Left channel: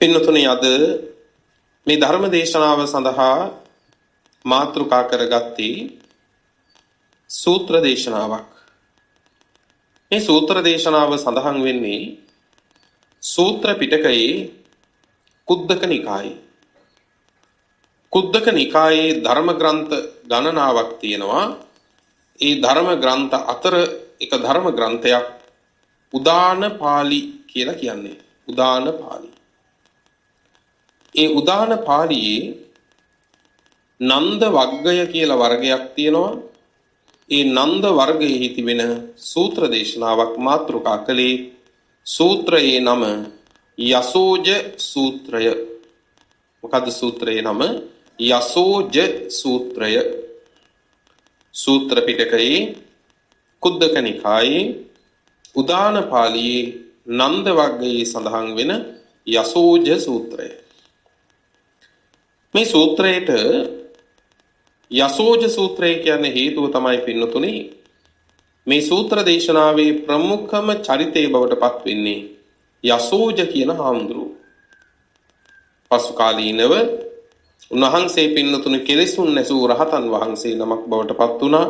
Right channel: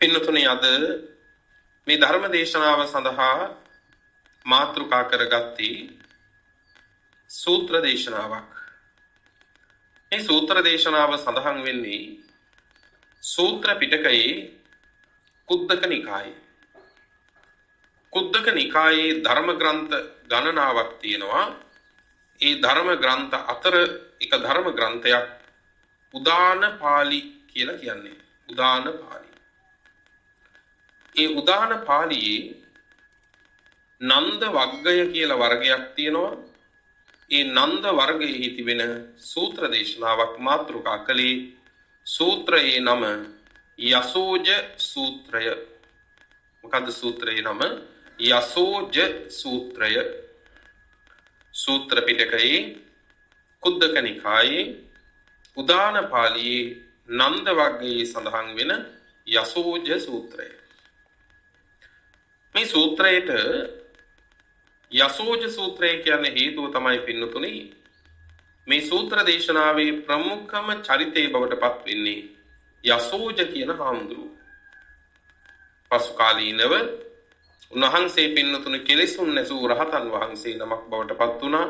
පින්නතුනි අද මේ ධර්ම දේශනාව සඳහා මාතෘකා කරගත්තේ සූත්‍ර දේශනාවක්. මේ සූත්‍ර දේශනාව සඳහන් වෙන්නේ සූත්‍ර පිටකයේ කුද්දක නිකායේ. කුද්දක නිකායේ ධර්ම ග්‍රන්ථ ගණනාවක් තියෙනවා. ඒ ධර්ම ග්‍රන්ථ අතර එක ධර්ම ග්‍රන්ථයක් උදාන පාළි කියලා කියන්නේ. උදාන පාළි. ඒ උදාන පාළියේ නන්ද වග්ගය කියලා වර්ගයක් තියෙනවා. ඒ නන්ද වර්ගයේ තිබෙන සූත්‍ර දේශනාවක් මාතෘකා කළේ සූත්‍රයේ නම යසෝජ සූත්‍රය. මොකද්ද සූත්‍රයේ නම? යසෝජ සූත්‍රය. සූත්‍ර පිටකයේ කුද්දක නිකායේ උදාන පාළියේ නන්ද වග්ගයේ සඳහන් වෙන යසෝජ සූත්‍රය. මේ සූත්‍රයට යසෝජ සූත්‍රය කියන්නේ හේතුව තමයි පින්නතුනි මේ සූත්‍ර දේශනාවේ ප්‍රමුඛම චරිතය බවට පත් වෙන්නේ යසෝජ කියන හාමුදුරුවෝ. පසු කාලීනව උන්වහන්සේ පින්නතුනි කෙලෙසුන් නැසූ රහතන් වහන්සේ නමක් බවට පත් වුණා.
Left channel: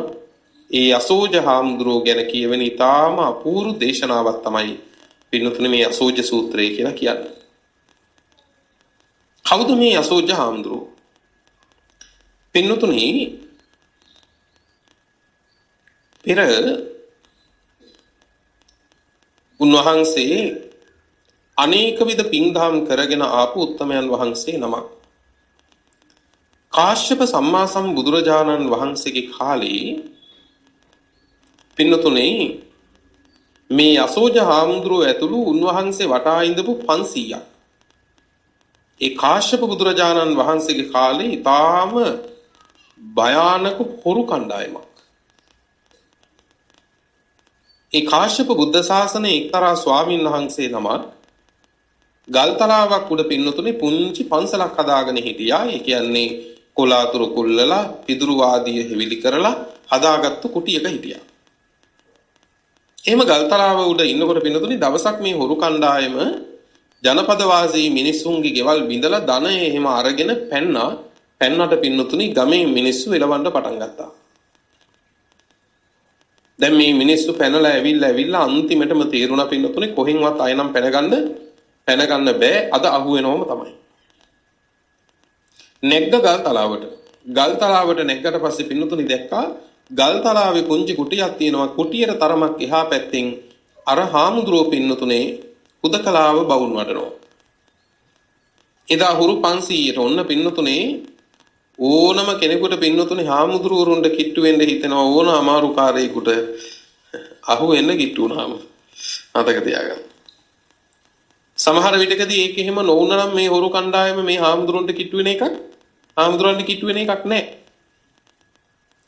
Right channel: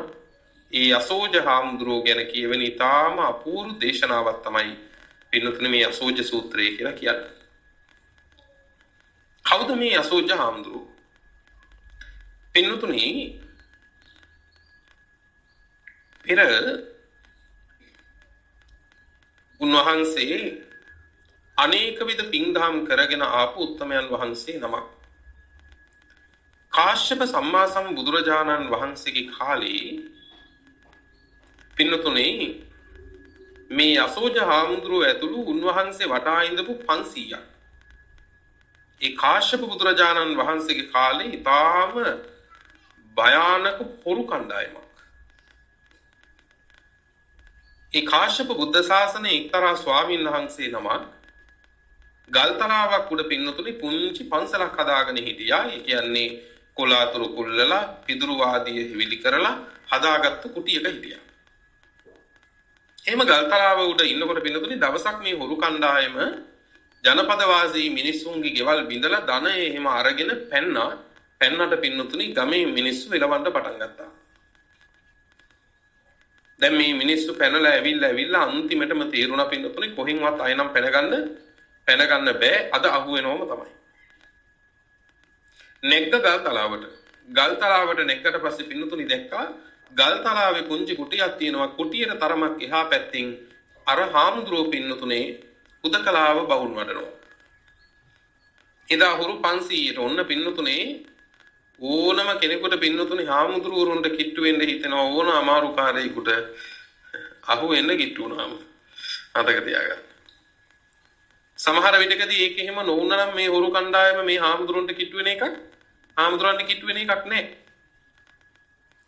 ඒ යසෝජ හාමුදුරුවෝ ගැන කියවෙන ඊටාම අපූර්ව දේශනාවක් තමයි පින්නතුනි මේ යසෝජ සූත්‍රය කියලා කියන්නේ. කවුද මේ යසෝජ හාමුදුරුවෝ? පින්නතුනි පෙර උන්වහන්සේ අනේක විද පින්දහම් කරගෙන ආපු උත්තමයන් වහන්සේ නමක්. කාශ්‍යප සම්මා සම්බුදුරජාණන් වහන්සේගේ කාලේ පින්නතුනි මේ යසෝජ හාමුදුරුවෝ ඇතුළු උන්වහන්සේ වටා ඉඳපු 500ක්. ඒ කාශ්‍යප බුදුරජාණන් වහන්සේගේ කාලේ ඊටාම භයානක හොරු කණ්ඩායමක්. ඒ කාශ්‍යප බුද්ධ ශාසනයේ එක්තරා ස්වාමීන් වහන්සේ නමක් ගල්තලාවක් උඩ පින්නතුනේ පුංචි පන්සලක් හදාගෙන හිටියා. ඒ කියන්නේ කොලාතුරු කුල්ලලා පිදුරු ආදිය හිවිලි කරලා හදාගත්තු කුටියක හිටියා. එහෙම ගල්තලාව උඩ ඉන්නකොට පින්නතුනේ දවසක් මේ හොරු කණ්ඩායම ජනපද වාසී මිනිස්සුන්ගේ ගෙවල් බිඳලා ධනය එහෙම අරගෙන පැන්නට පින්නතුනි ගමේ මිනිස්සු එලවන්න පටන් ගත්තා. දැන් මේ මිනිස්සු පැනලා ඇවිල්ලා අන්තිමටම තීරුණා පින්නතුනි කොහෙන්වත් ආයෙනම් පැනගන්න බෑ. අද අහු වෙනවම තමයි. නැග්ග ගල්තලාවට නැග්ගට පස්සේ පින්නතුනි දැක්කා ගල්තලාවේ පුංචි කුටියක් තියෙනවා. කුටියට තරමක් එහා පැත්තෙන් අර හාමුදුරුවෝ පින්නතුනේ හුදකලාව බවුන් වඩනවා. එදා හුරු 500ට ඔන්න පින්නතුනේ ඕනම කෙනෙකුට පින්නතුනේ හාමුදුරුවරුන්ට කිට්ටු වෙන්න හිතෙනවා. ඕන අමාරු කාර්යයකට අහු වෙන්න කිට්ටු වුණාම මතක තියාගන්න. සමහර විටකදී ඒක එහෙම නොවුනනම් මේ හොරු කණ්ඩායම මේ හාමුදුරුවන්ට කිට්ටු වෙන එකක් නෑ.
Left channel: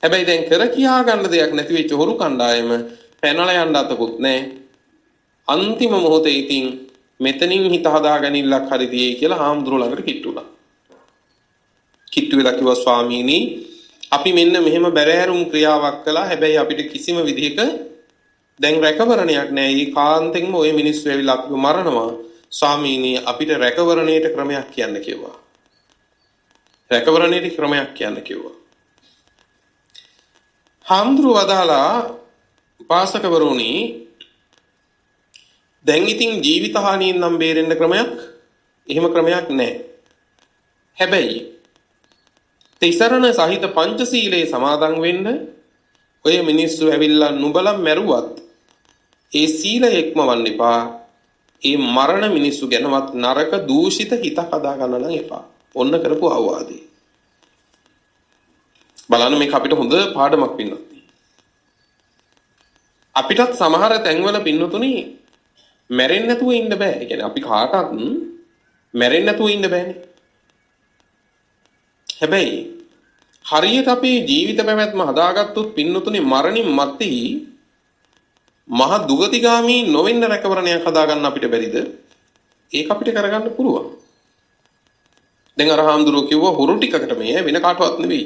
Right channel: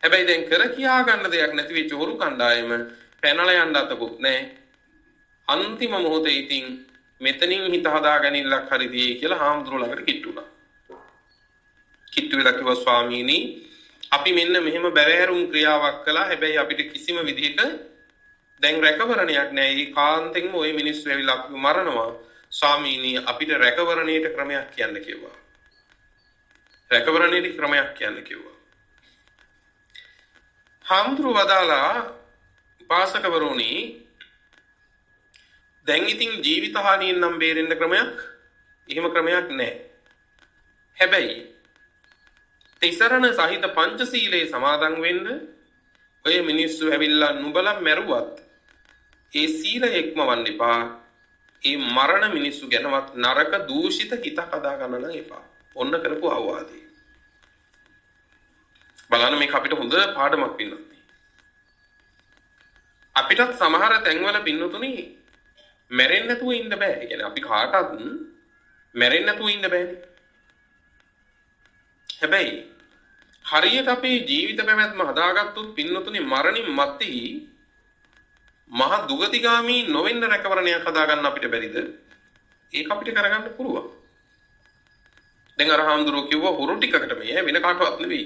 හැබැයි දැන් කර කියා ගන්න දෙයක් නැති වෙච්ච හොරු කණ්ඩායම පැනලා යන්න අතකුත් නෑ. අන්තිම මොහොතේ ඉතින් මෙතනින් හිත හදාගනින්නක් හරි දියේ කියලා හාමුදුරුවෝ ළඟට කිට්ටු වුණා. කිට්ටු වෙලා කිව්වා ස්වාමීනි අපි මෙන්න මෙහෙම බැරෑරුම් ක්‍රියාවක් කළා. හැබැයි අපිට කිසිම විදිහක දැන් රැකවරණයක් නැහැ. ඒ කාන්තෙන්ම ওই මිනිස්සු ඇවිල්ලා අපිව මරනවා. ස්වාමීනි අපිට රැකවරණයට ක්‍රමයක් කියන්න කිව්වා. රැකවරණයට ක්‍රමයක් කියන්න කිව්වා. හාමුදුරුවෝ වදාලා උපාසකවරුනි දැන් ඉතින් ජීවිත හානියෙන් නම් බේරෙන්න එහෙම ක්‍රමයක් නැහැ. හැබැයි තිසරණ සහිත පංචශීලයේ සමාදන් වෙන්න ඔය මිනිස්සු ඇවිල්ලා නුඹලා මැරුවත් ඒ සීලය ඉක්මවන්න එපා. ඒ මරණ මිනිස්සු ගැනවත් නරක දූෂිත හිත හදා ගන්න නම් එපා. ඔන්න කරපු අවවාදේ. බලන්න මේක අපිට හොඳ පාඩමක් වෙනවා. අපිටත් සමහර තැන්වල පින්නතුනි මැරෙන්න නැතුව ඉන්න බෑ. ඒ කියන්නේ අපි කාටවත් මැරෙන්න නැතුව ඉන්න බෑනේ. හැබැයි හරියට අපේ ජීවිත පැවැත්ම හදාගත්තොත් පින්නතුනි මරණින් මත්තේ මහ දුගතිගාමී නොවෙන්න රැකවරණයක් හදාගන්න අපිට බැරිද? ඒක අපිට කරගන්න පුළුවන්. දැන් අර හාමුදුරුවෝ කිව්වා හොරු ටිකකට මේ වෙන කාටවත් නෙවෙයි.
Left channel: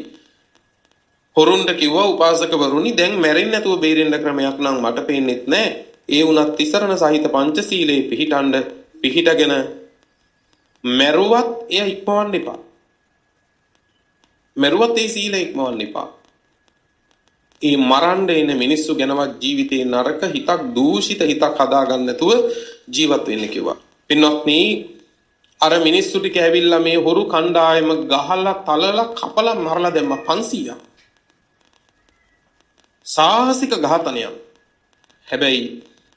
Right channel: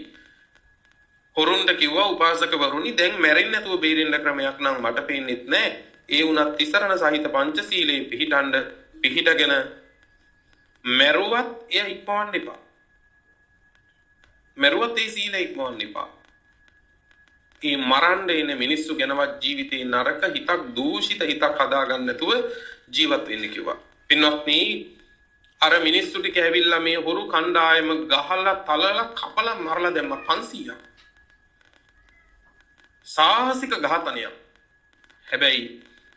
හොරුන්ට කිව්වා උපාසකවරුනි දැන් මැරෙන්න නැතුව බේරෙන්න ක්‍රමයක් නම් මට පේන්නෙත් නැහැ. ඒ වුණත් තිසරණ සහිත පංචශීලයේ පිහිටගෙන මරුවත් එය ඉක්මවන්න එපා. මරුවත් ඒ සීලය ඉක්මවන්න එපා. ඒ මරන්න එන මිනිස්සු ගැනවත් ජීවිතේ නරක හිතක් දූෂිත හිතක් හදාගන්න නැතුව ජීවත් වෙන්න කිව්වා. පින්වත්නි අර මිනිස්සු ටික ඇවිල්ලා මේ හොරු කණ්ඩායම ගහලා තලලා කපලා මරලා දැම්ම 500ක්. සාහසික ඝාතනයක්. හැබැයි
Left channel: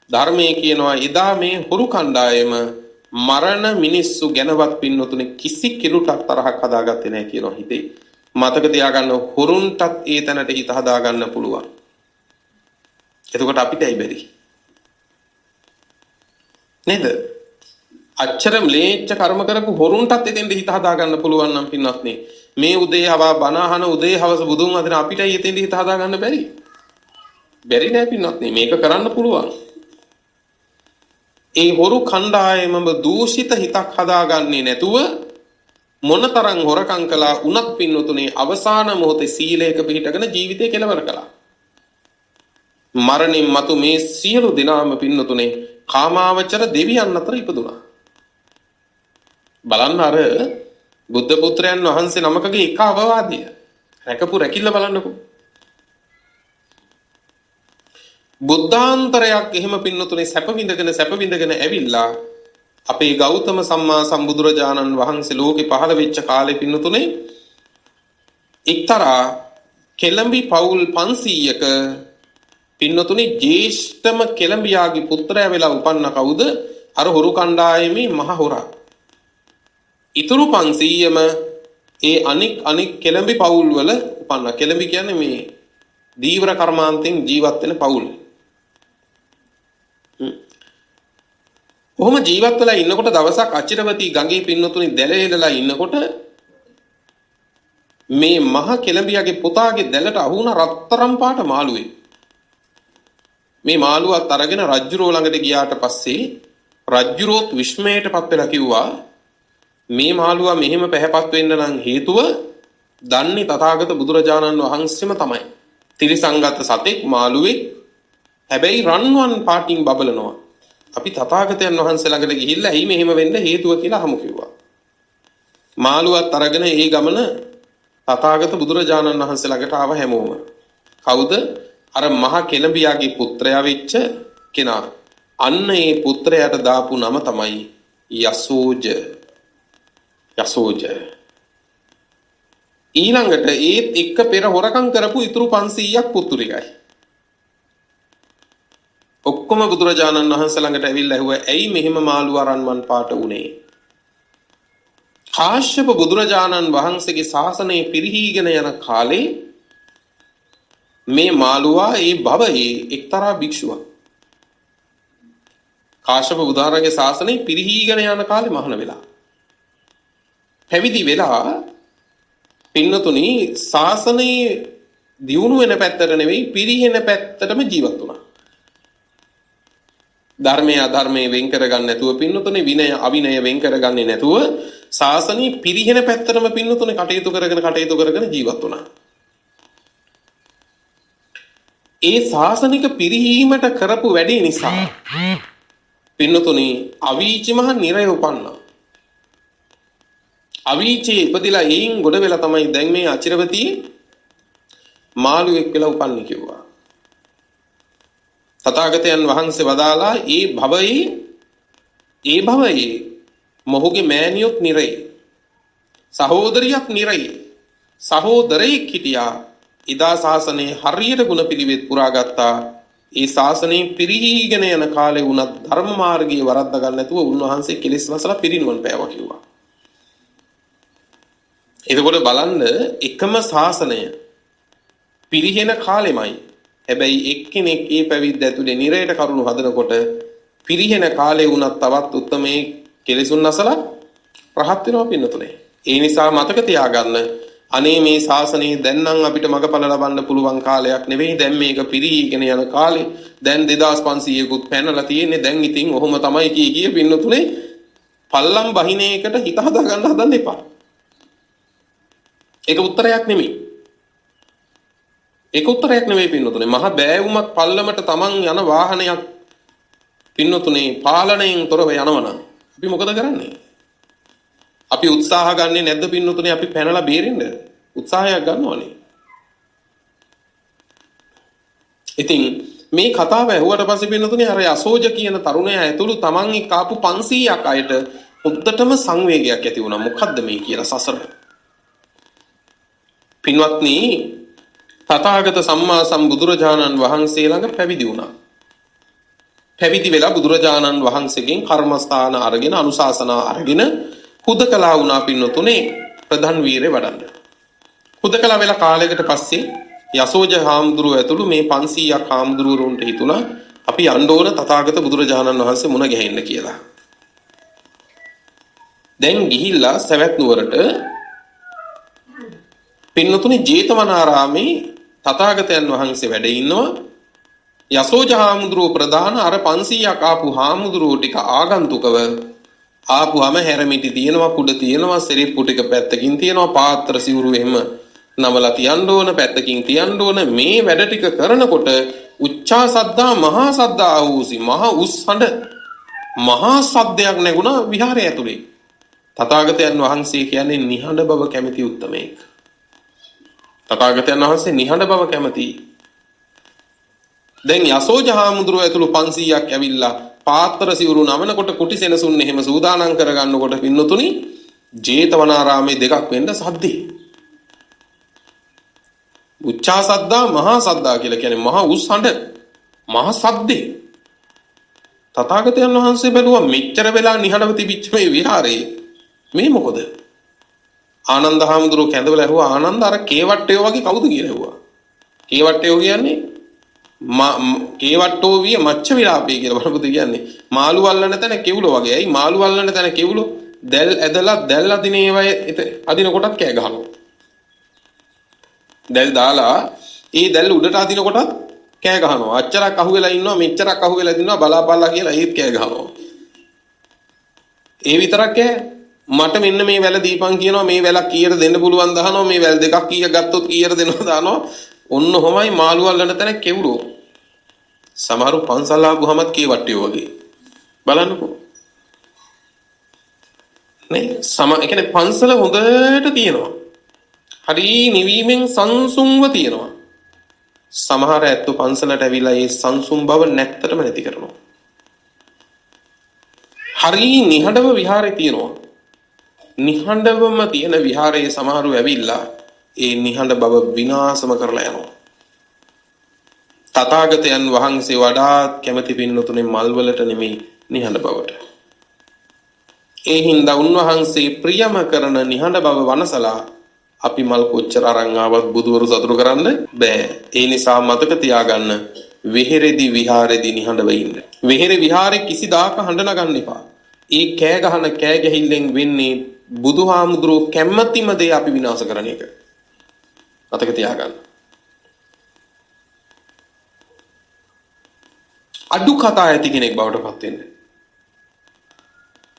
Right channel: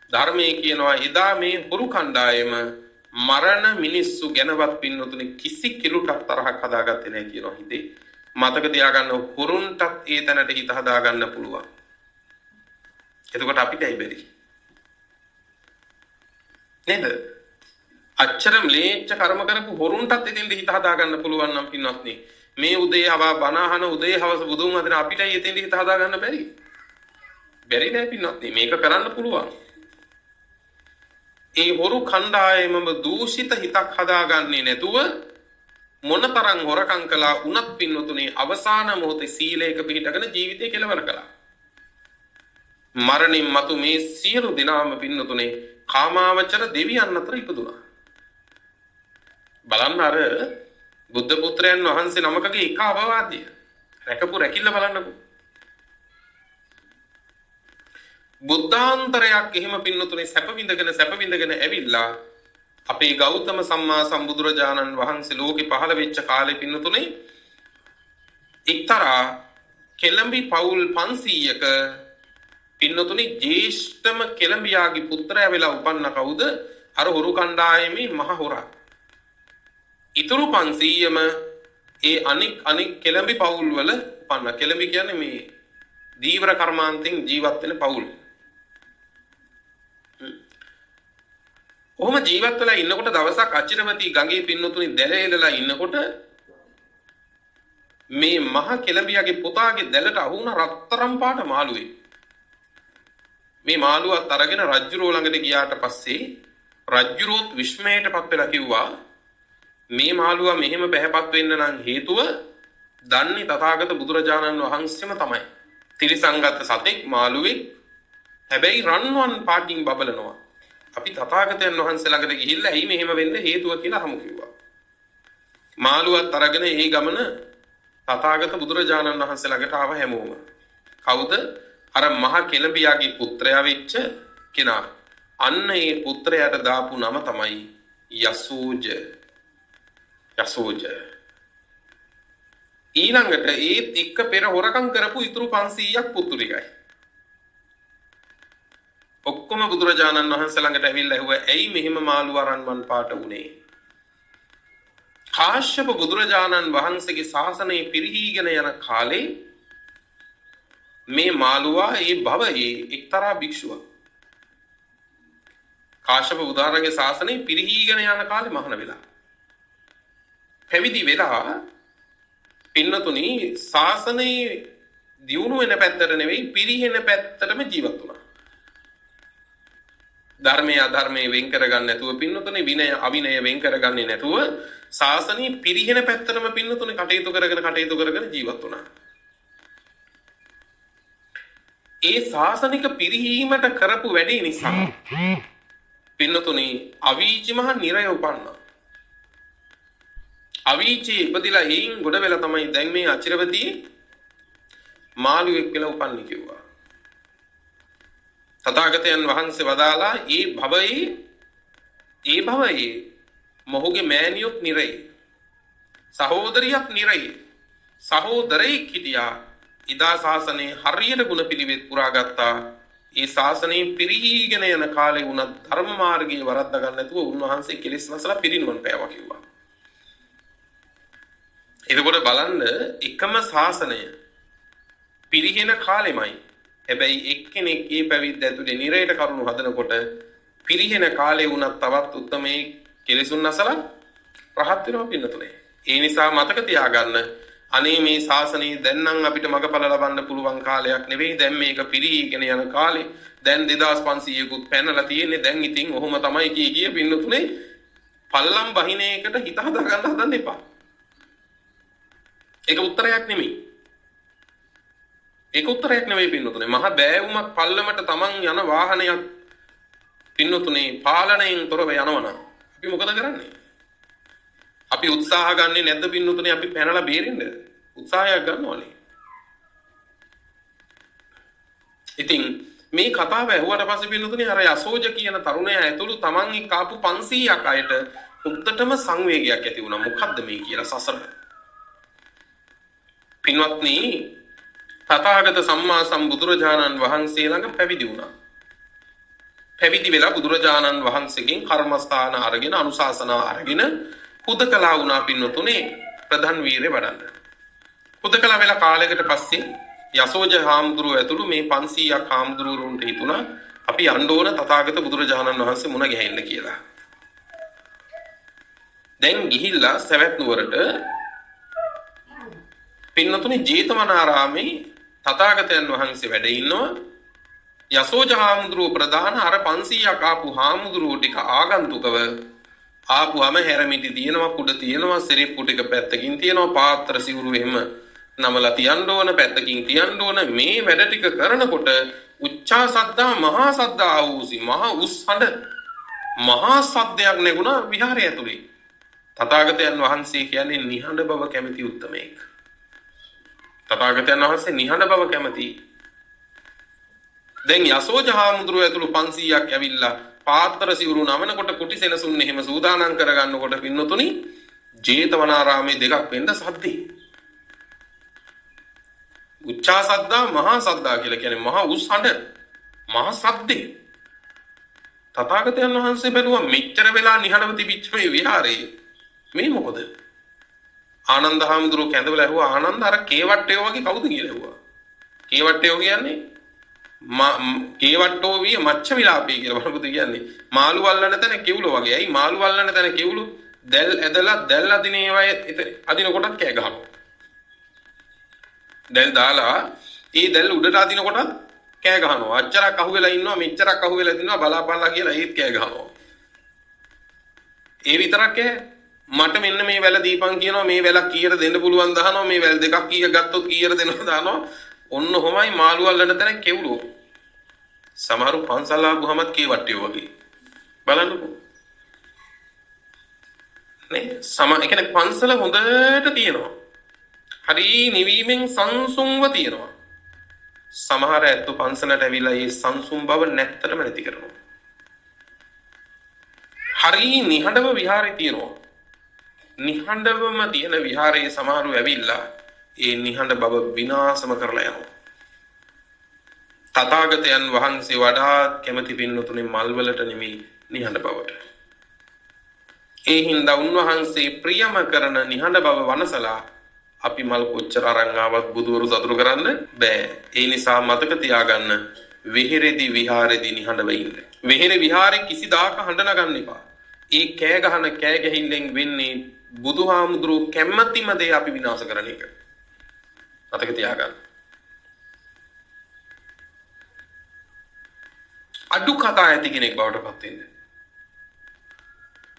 ධර්මයේ කියනවා එදා මේ හොරු කණ්ඩායම මරණ මිනිස්සු ගැනවත් පින්නතුනේ කිසි කිලුටක් තරහක් හදාගත්තේ නැහැ කියනවා හිතේ. මතක තියාගන්න හොරුන්ටත් ඒ තැනට හිත හදාගන්න පුළුවන්. එතකොට අපිට ඇයි බැරි? නේද? අච්චර ම්ලේච්ඡ කර්ම කරපු හොරුන්ටත් එතෙන්ද හිත හදාගන්න පුළුවන් නම් පින්වත්නි මේ උදේ හවා බණ අහන උදේ හවස බුදුන් වහන්සේ අපිටයි එතෙන්ද හිත හදාගන්න බැරි? බැරි නෑ පින්වත්නි මේක කරන්න පුළුවන්. ඒ හොරු කණ්ඩායමම දූෂිත හිතක් හදාගන්නේ නැතුව මොනතරම් හොරකම් කළා උනත් පින්නතුනේ අවසාන මොහොතේ සීලයක පිහිටගෙන ජීවිතේ කෙලවර කළා. මරණින් මතු මේ සියලු දිනාම පින්නතුනේ කාමාවචර දෙවියන් අතර ඉපදුනා. බලන්න අර බුද්ධ පුත්‍රයන් වහන්සේ නමකගේ එක අවවාදය. රැකපු රැකිල්ල බලන්නකෝ. බුද්ධාන්තරයක් එහෙම පින්නතුනේ සැප විඳගෙන ඇවිල්ලා අපේ ගෞතම සම්මා සම්බුදුරජාණන් වහන්සේ ලෝකෙ පහළ වෙච්ච කාලේ පින්නතුනේ එක්තරා කෙළඹි පවුල් 500ක පින්නතුනේ ජේෂ්ඨම කෙළඹියාගේ පුත්‍රයා වෙලා උපන්න කවුද? අර හොරු කණ්ඩායමේ මහ හොරා. ඉතුරු 500ම ඒ අනික් කෙළඹි පවුල් වල උපන්න. කෙළඹි කියන්නේ මේ දීවර කර්මාන්තෙන් ජීවත් වෙන පවුල්. ඔහොම ජීවත් වෙලා ඉන්නකොට දවසක් අචිරවතී ගඟේ පින්නතුනි දැලේලලා ඉන්නකොට මේ මහ කෙළඹියාගේ පුතාගේ දැලට අහු වුණ රත්තරන් පාට මාළුවේ. මේ මාළුවත් අරගෙන රජ්ජුරුව ළඟට ගියාට පස්සේ රජ්ජුරුවොත් විස්මයටපත් වෙලා කිව්වා මේ මාළුවා මෙහෙම පැහැපත් වෙන්න නම් හේතුව දන්නේ තථාගත බුදුරජාණන් වහන්සේම තමයි. තිරිසංගත සතෙක් මාළුවෙක් හැබැයි රන්වන් පාටින් බබලනවා. අපි තථාගතයන් වහන්සේ ළඟට ගිහිල්ලා එයි මෙහෙම වෙන්න හේතුව කියලා අහමු කිව්වා. මාළුවත් අරගෙන ඒ ගමන තථාගත බුදුරජාණන් වහන්සේ ළඟට ආව හැමෝම. කවුද? අර මහ කෙළඹියාගේ පුත්‍රයා වෙච්ච කෙනා. අන්න ඒ පුත්‍රයාට දාපු නම තමයි යසෝජ. යසෝජ. ඊළඟට ඒත් එක්ක පෙර හොරකම් කරපු ඉතුරු 500ක් පුතුරියයි. ඔක්කොම බුදුරජාණන් වහන්සේ ළඟට ඇවිල්ලා ඇහුවා ඇයි මෙහෙම මාළු අරන්මන් පාට උනේ? කාශ්‍යප බුදුරජාණන් වහන්සේගේ ශාසනය පිරිහීගෙන යන කාලේ මේ මාළුවා ඒ භවයේ එක්තරා භික්ෂුවක්. කාශ්‍යප බුදුහාරගේ ශාසනය පිරිහීගෙන යන කාලේ මහාන වෙලා. පැවිදි වෙලා පින්නතුනි ශාසනයේ දියුණු වෙන පැත්තට නෙවෙයි පිරිහෙන පැත්තටම ජීවත් වුණා. ධර්මයේ අධර්මයේ වෙන් කරගන්න නැතුව පින්නතුනේ විනය අවිනය වෙන් කරගන්නේ නැතුව ශාසනීය පිරිහෙන පැත්තටම පින්නතුනේ කටයුතු කරගෙන ජීවත් වුණා. ඒ ශාසනික පිරිහීමට කරපු වැඩේ නිසා පින්නතුනේ අවීචි මහ නිරය උපන්නා. අවීචේ ඉපදිලා එයින් ගොඩ වෙලා තමයි දැන් මේ අචිරවතී මාළුවෙක් වෙලා උපන්නේ කිව්වා. තථාගතයන් වහන්සේ වදාලා ඒ භවයේ මොහුගේ මෑණියොත් නිරේ සහෝදරියක් නිරේ සහෝදරයෙක් හිටියා. ඉදා ශාසනයේ හරියට ගුණ පිළිවෙත් පුරාගත්තා. ඒ ශාසනයේ පිරිහීගෙන යන කාලේ වුණත් ධර්ම මාර්ගයේ වරද්ද ගන්න නැතුව උන්වහන්සේ කෙලෙස් වසලා පිරිනුවන් පෑවා කිව්වා. එතකොට බලන්න එකම ශාසනය පිරිහෙන කාලෙමයි. හැබැයි එක්කෙනෙක් ඒ පැවිද්ද ඇතුලේ නිරයට කරුණු හදනකොට පිරිහෙන කාලේ වුණත් තවත් උත්මේ කෙලෙසුන් නැසලා රහත් වෙනවා පින්නතුනේ. ඒ නිසා මතක තියාගන්න අනේ මේ ශාසනය දැන් නම් අපිට මගපල ලබන්න පුළුවන් කාලයක් නෙවෙයි. දැන් මේක පිරිහීගෙන යන කාලේ. දැන් 2500කුත් පැනලා තියෙන්නේ. දැන් ඉතින් ඔහොම තමයි කිය පින්නතුනේ පල්ලම් බහිනේකට හිත හදා ගන්න හදන්න එපා. ඒක උත්තරයක් නෙමෙයි. ඒක උත්තරයක් නෙවෙයි පින්නතුනේ. මහ බෑවුමක් පල්ලමට තමන් යන වාහනයක් පින්නතුනේ පාලනයෙන් තොරව යනවනම් අපි මොකද කරන්නේ? අපි උත්සාහ ගන්නේ නැද්ද පින්නතුනේ අපි පැනලා බේරෙන්න? උත්සාහයක් ගන්නවනේ. ඉතින් මේ කතාව ඇහුවට පස්සේ පින්නතුනේ අර යසෝජ කියන තරුණයා ඇතුළු Taman එක්ක ආපු 500ක් අයට උද්දටම සංවේගයක් ඇති වුණා. මොකද්ද මේ කියලා සසර. පින්වත්නි තථාගත සම්මා සම්බුදුරජාණන් වහන්සේ ළඟ පැවිදි වුණා. පැවිදි වෙලා බුදුරජාණන් වහන්සේගෙන් කර්මස්ථාන අරගෙන අනුශාසනා අරගෙන හුදකලා වුණා පින්නතුනේ ප්‍රධාන වීරය වඩන්න. හුදකලා වෙලා කාලයකට පස්සේ යසෝජ හාමුදුරුව ඇතුළු මේ 500ක් හාමුදුරුවරුන්ට හිතුණා අපි යන්න ඕන තථාගත බුදුරජාණන් වහන්සේ මුණ ගැහෙන්න කියලා. දැන් ගිහිල්ලා සවැත් නුවරට පින්නතුනේ ජේතවනාරාමේ තථාගතයන් වහන්සේ වැඩ ඉන්නවා. යසෝජ හාමුදුරුව ප්‍රධාන අර 500ක් ආපු හාමුදුරුවෝ ටික ආගන්තුකව ආපුවම හැරමිටි තියෙනවා, කුඩ තියෙනවා, සිරිප්පු ටික පැත්තකින් තියෙනවා, පාත්‍ර සිවුරු එහෙම නමලා තියන්න ඕන, පැත්තකින් තියන්න ඕන. මේ වැඩ ටික කරනකොට උච්චා සද්දා මහා සද්දා ආවූසි මහා උස් හඬ මහා සද්දයක් නැගුණා විහාරය ඇතුලේ. තථාගතයන් වහන්සේ කියන්නේ නිහඬ බව කැමති උත්තමයෙක්. තථාගතයන් වහන්සේ නිහඬ බව කැමති. දැන් යසෝජ හාමුදුරුවෝ ඇතුළු 500ක් ඇවිල්ලා පාත්‍ර සිවුරු නමනකොට කුටි සෙනසුන් එහෙම සූදානම් කරගන්නකොට පින්නතුනි ජේතවනාරාමේ දෙකක් වෙන්න සද්දේ. උච්චා සද්දා මහා සද්දා කියලා කියන්නේ මහා උස් හඬ මහා සද්දේ. තථාගතයන් වහන්සේ බැලුවා මෙච්චර වෙලා නිහඬව තිබිච්ච මේ විහාරේ මේ මොකද? ආනන්ද හාමුදුරුවෝ කැඳවලා ඇහුවා ආනන්ද අර කේවට්ටයෝ වගේ කවුද කියලා ඇහුවා. කේවට්ටයෝ කියන්නේ කේවට්ටෝ විය මච්ච විලාපේ කියලා බලමුද කියන්නේ. මාළු වල්ලන තැන කෙවුල වගේ. ඇයි මාළු වල්ලන තැන කෙවුල? දැල් ඇදලා දැල් අදින ඒවා අදින කොටත් කෑ ගහනවා. දැල් දාලා ඒ දැල් උඩට අදින කොටත් කෑ ගහනවා. අච්චරක් අහුවෙලා ඉන්නවා මෙච්චරක් අහුවෙලා ඉන්නවා බලාපල්ලා කියලා ඒත් කෑ ගහනවා. ඒ විතරක් කෑ මට මෙන්න මේ වැල දීපන් කියනවා මේ වැලක් කීයට දෙන්න පුළුවන් දහනවා මේ වැල් දෙකක් කීය ගත්තොත් කීයට දෙනවද දානවා. ඔන්න ඔහොමයි මාළු වල්ලන තැන කෙවුලෝ. සමහරු පන්සල් ආපුවමත් කේවට්ටියෝ වගේ. බලන්නකෝ. නේ ඒ කියන්නේ පන්සල හොඳට තියෙනවා. හරි නිවීමෙන් සංසුන්ව තියෙනවා. සමහර ඇත්තෝ පන්සලට ඇවිල්ලා ඒ සංසුන් බව නැත්තටම නැති කරනවා. හරි නිහඬව විහාරේ තියෙනවා. නිහඬවම තියෙන විහාරයේ සමහරු ඇවිල්ලා ඒ නිහඬ බව විනාශම කරලා යනවා. තථාගතයන් වහන්සේ වඩාත් කැමති පින්නතුනේ මල්වලට නෙමෙයි නිහඬ බවට. ඒ හින්දා උන්වහන්සේ ප්‍රියම කරන නිහඬ බව වනසලා අපි මල් කොච්චර අරන් ආවත් බුදවරු සතුටු කරන්න බෑ. ඒ නිසා මතක තියාගන්න වෙහෙරේදී විහාරේදී නිහඬව ඉන්න. වෙහෙරේ විහාරේ කිසිදාක හඬ නගන්න එපා. ඒ කෑ ගහන කෑ ගැහිල්ලෙන් වෙන්නේ බුදුහාමුදුරුවෝ කැමැතිම දේ අපි විනාශ කරන එක. මතක තියාගන්න. අඩු කතා ඇති කෙනෙක් බවට පත් වෙන්න.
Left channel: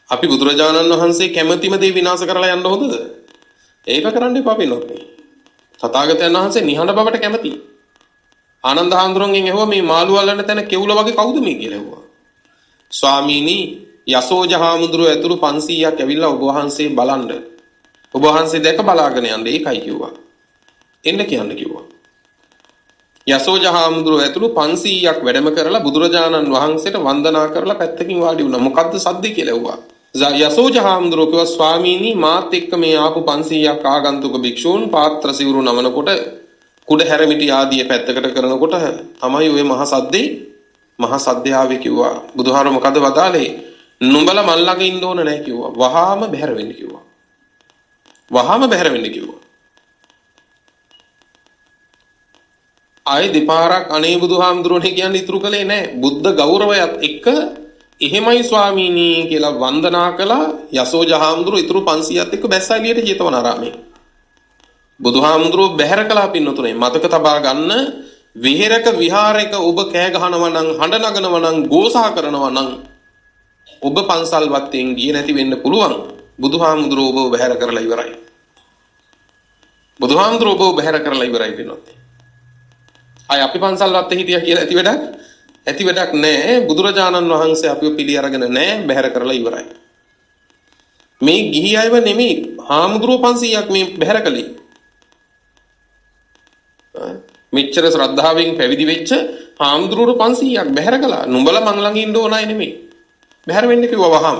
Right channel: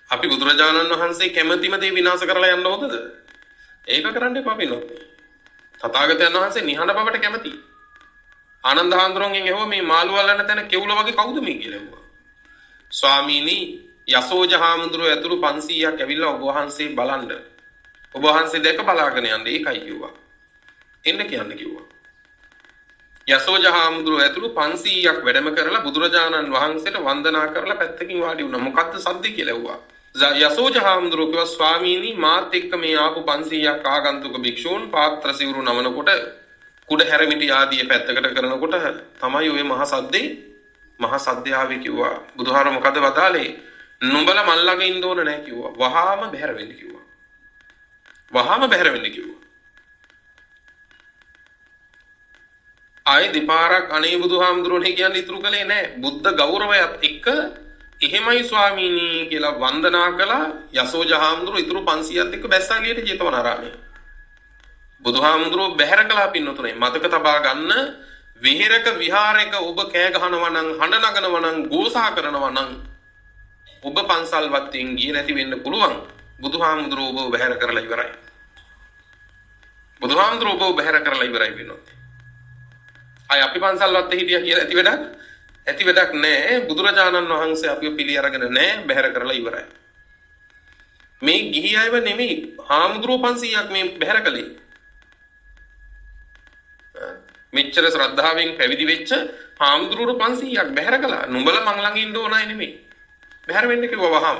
අපි බුදුරජාණන් වහන්සේ කැමැතිම දේ විනාශ කරලා යන්න හොඳද? ඒක කරන්න එපා පින්නොත්. තථාගතයන් වහන්සේ නිහඬ බවට කැමැති. ආනන්ද හාමුදුරන්ගෙන් ඇහුවා මේ මාළු වල්ලන තැන කෙවුල වගේ කවුද මේ කියලා ඇහුවා. ස්වාමීනි යසෝජ හාමුදුරුවෝ ඇතුළු 500ක් ඇවිල්ලා ඔබ වහන්සේ බලන්න. ඔබ වහන්සේ දැක බලාගෙන යන්න ඒකයි කිව්වා. එන්න කියන්න කිව්වා. යසෝජ හාමුදුරුවෝ ඇතුළු 500ක් වැඩම කරලා බුදුරජාණන් වහන්සේට වන්දනා කරලා පැත්තකින් වාඩි වුණා. මොකද්ද සද්ද කියලා ඇහුවා. යසෝජ හාමුදුරුවෝ කිව්වා ස්වාමීනි මාත් එක්ක මේ ආපු 500ක් ආගන්තුක භික්ෂූන් පාත්‍ර සිවුරු නමනකොට කුඩ හැරමිටි ආදී පැත්තකට කරනකොට තමයි ওই මහා සද්දේ ආවේ කිව්වා. බුදුහාර මොකද වදාලේ? නුඹලා මල් ළඟ ඉන්න ඕන නැහැ කිව්වා. වහාම බැහැර වෙන්න කිව්වා. වහාම බැහැර වෙන්න කිව්වා. ආයේ දෙපාරක් අනේ බුදුහාමුදුරනේ කියන්නේ ඉතුරු කළේ නැහැ. බුද්ධ ගෞරවයත් එක්ක එහෙමයි ස්වාමීනි කියලා වන්දනා කළා. යසෝජ හාමුදුරුවෝ ඉතුරු 500ත් එක්ක බැස්සාලියට ජේතවනාරාමේ. බුදුහාමුදුරුවෝ බැහැර කළා පින්නතුනේ. මතක තබා ගන්න විහෙරක විහාරයක ඔබ කෑ ගහනවා නම් හඬ නගනවා නම් ගෝසා කරනවා නම් ඔබ පන්සල් වත්තෙන් ගියේ නැති වෙන්න පුළුවන්. බුදුහාමුදුරුවෝ ඔබ බැහැර කරලා ඉවරයි. බුදුහාමුදුරුවෝ ඔබ බැහැර කරලා ඉවරයි පින්නතුනේ. අය අපි පන්සල් වත්තේ හිටියා කියලා ඇති වැඩක් නැහැ. බුදුරජාණන් වහන්සේ අපිව පිළි අරගෙන නැහැ. බැහැර කරලා ඉවරයි. මේ ගිහි අයව නෙමෙයි හාමුදුරුවෝ 500ක් මේ බැහැර කළේ. මෙච්චර ශ්‍රද්ධාවෙන් පැවිදි වෙච්ච හාමුදුරුවෝ 500ක් බැහැර කළා. නුඹලා මං ළඟ ඉන්න ඕන අය නෙමෙයි. බැහැර වෙන්න කිව්වා වහාම.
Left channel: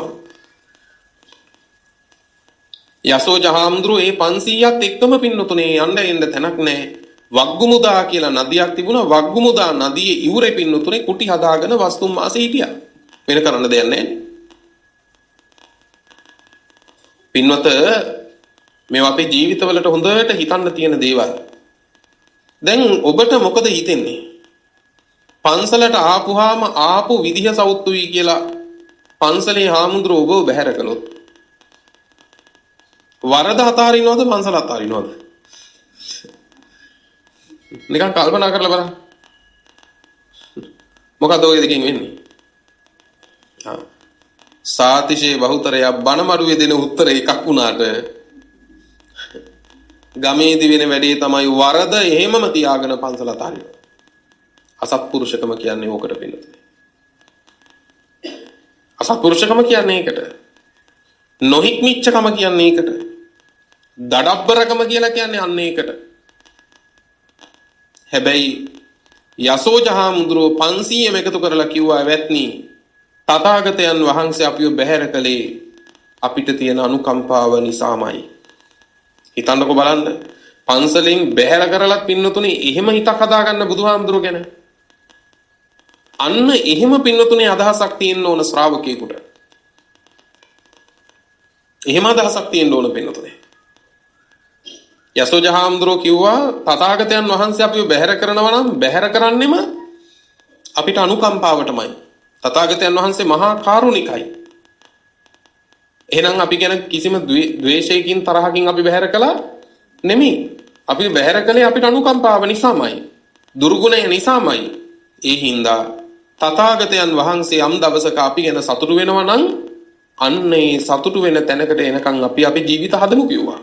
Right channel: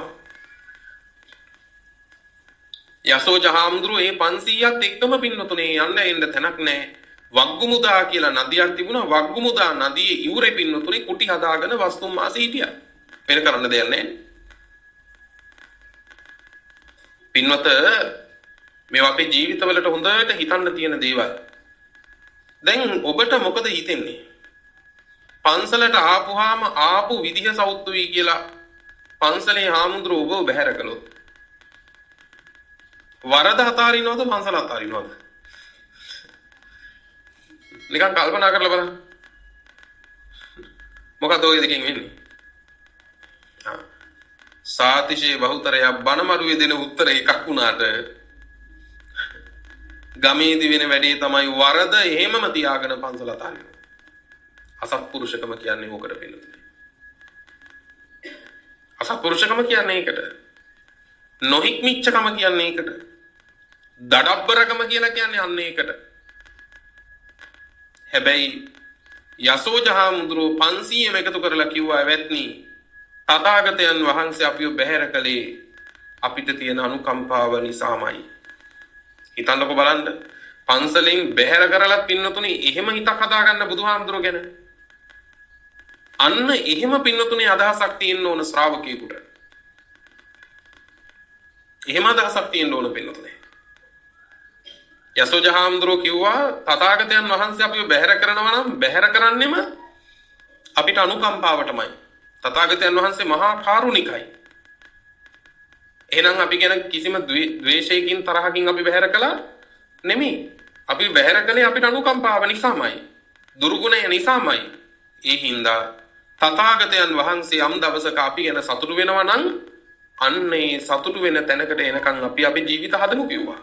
යසෝජ හාමුදුරුවෝ ඒ 500ත් එක්කම පින්නතුනේ යන්න එන්න තැනක් නැහැ. වග්ගුමුදා කියලා නදියක් තිබුණා. වග්ගුමුදා නදියේ ඉවුරේ පින්නතුනේ කුටි හදාගෙන වස්තුම් මාසේ හිටියා. වෙන කරන්න දෙයක් නැහැ. පින්වත මේවා අපේ ජීවිතවලට හොඳට හිතන්න තියෙන දේවල්. දැන් ඔබට මොකද හිතෙන්නේ? පන්සලට ආපුවාම ආපු විදිහ සෞත්තුයි කියලා පන්සලේ හාමුදුරුවෝ ඔබව බැහැර කළොත් වරද අතාරිනවද පන්සල අතාරිනවද? නිකන් කල්පනා කරලා බලන්න. මොකද ඔය දෙකෙන් වෙන්නේ? සාතිශේ බහුතරය බණමඩුවේ දෙන උත්තර එකක් වුණාට ගමේදී වෙන වැඩේ තමයි වරද එහෙමම තියාගෙන පන්සල අතාරිනවා. අසත්පුරුෂකම කියන්නේ ඕකට පිළිතුරයි. අසත්පුරුෂකම කියන්නේ ඒකට. නොහික්මිච්චකම කියන්නේ ඒකට. දඩබ්බරකම කියලා කියන්නේ අන්න ඒකට. හැබැයි යසෝජහාමුදුරුවෝ 500ම එකතු කරලා කිව්වා වැත්නි තථාගතයන් වහන්සේ අපිව බැහැර කළේ අපිට තියෙන අනුකම්පාව නිසාමයි. හිතන්නකො බලන්න. පන්සලෙන් බැහැර කරලත් පින්නතුනේ එහෙම හිතක් හදාගන්න බුදුහාමුදුරුවෝ ගැන. අන්න එහෙම පින්නතුනේ අදහසක් තියෙන්න ඕන ශ්‍රාවකයෙකුට. එහෙම අදහසක් තියෙන්න ඕන පින්නතුනේ. යසෝජහාමුදුරුවෝ කිව්වා තථාගතයන් වහන්සේ අපිව බැහැර කරනවා නම් බැහැර කරන්නෙම අපිට අනුකම්පාවටමයි. තථාගතයන් වහන්සේ මහා කාරුණිකයි. එහෙනම් අපි ගැන කිසිම ද්වේෂයකින් තරහකින් අපි බැහැර කළා නෙමෙයි. අපි බැහැර කළේ අපිට අනුකම්පාව නිසාමයි. දුර්ගුණය නිසාමයි. ඒ හින්දා තථාගතයන් වහන්සේ යම් දවසක අපි ගැන සතුටු වෙනවා නම් අන්නේ සතුටු වෙන තැනකට එනකන් අපි අපේ ජීවිත හදමු කිව්වා.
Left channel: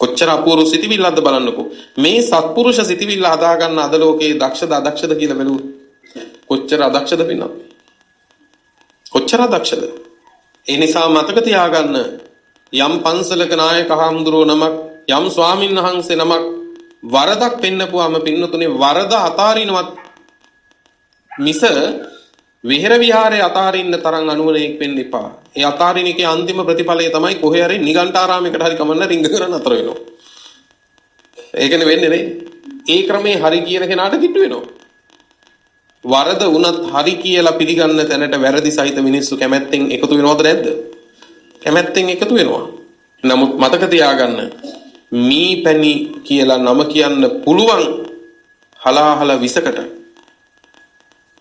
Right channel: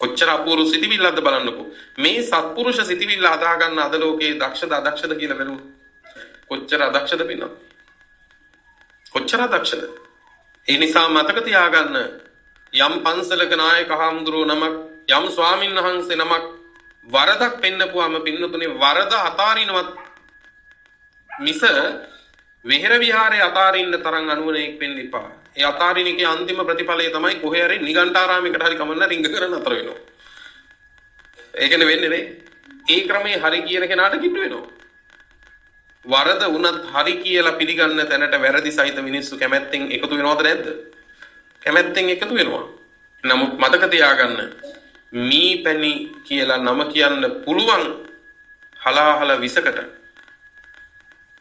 කොච්චර අපූර්ව සිතිවිල්ලක්ද බලන්නකෝ. මේ සත්පුරුෂ සිතිවිල්ල හදාගන්න අද ලෝකේ දක්ෂද අදක්ෂද කියලා බැලුවොත් කොච්චර අදක්ෂද පින්නත්. කොච්චර අදක්ෂද. ඒ නිසා මතක තියාගන්න යම් පන්සලක නායක හාමුදුරුවෝ නමක් යම් ස්වාමින් වහන්සේ නමක් වරදක් පෙන්නපුවාම පින්නතුනේ වරද අතාරිනවත් මිස විහෙර විහාරේ අතාරින්න තරම් අනුවණෙක් වෙන්න එපා. ඒ අතාරින එකේ අන්තිම ප්‍රතිඵලය තමයි කොහේ හරි නිගණ්ඨාරාමයකට හරි කමන්න රිංග කරන් අතර වෙනවා. ඒකනේ වෙන්නේ නේ. ඒ ක්‍රමේ හරි කියන කෙනාට කිට්ටු වෙනවා. වරද වුණත් හරි කියලා පිළිගන්න තැනට වැරදි සහිත මිනිස්සු කැමැත්තෙන් එකතු වෙනවද නැද්ද? කැමැත්තෙන් එකතු වෙනවා. නමුත් මතක තියාගන්න මීපැණි කියලා නම කියන්න පුළුවන්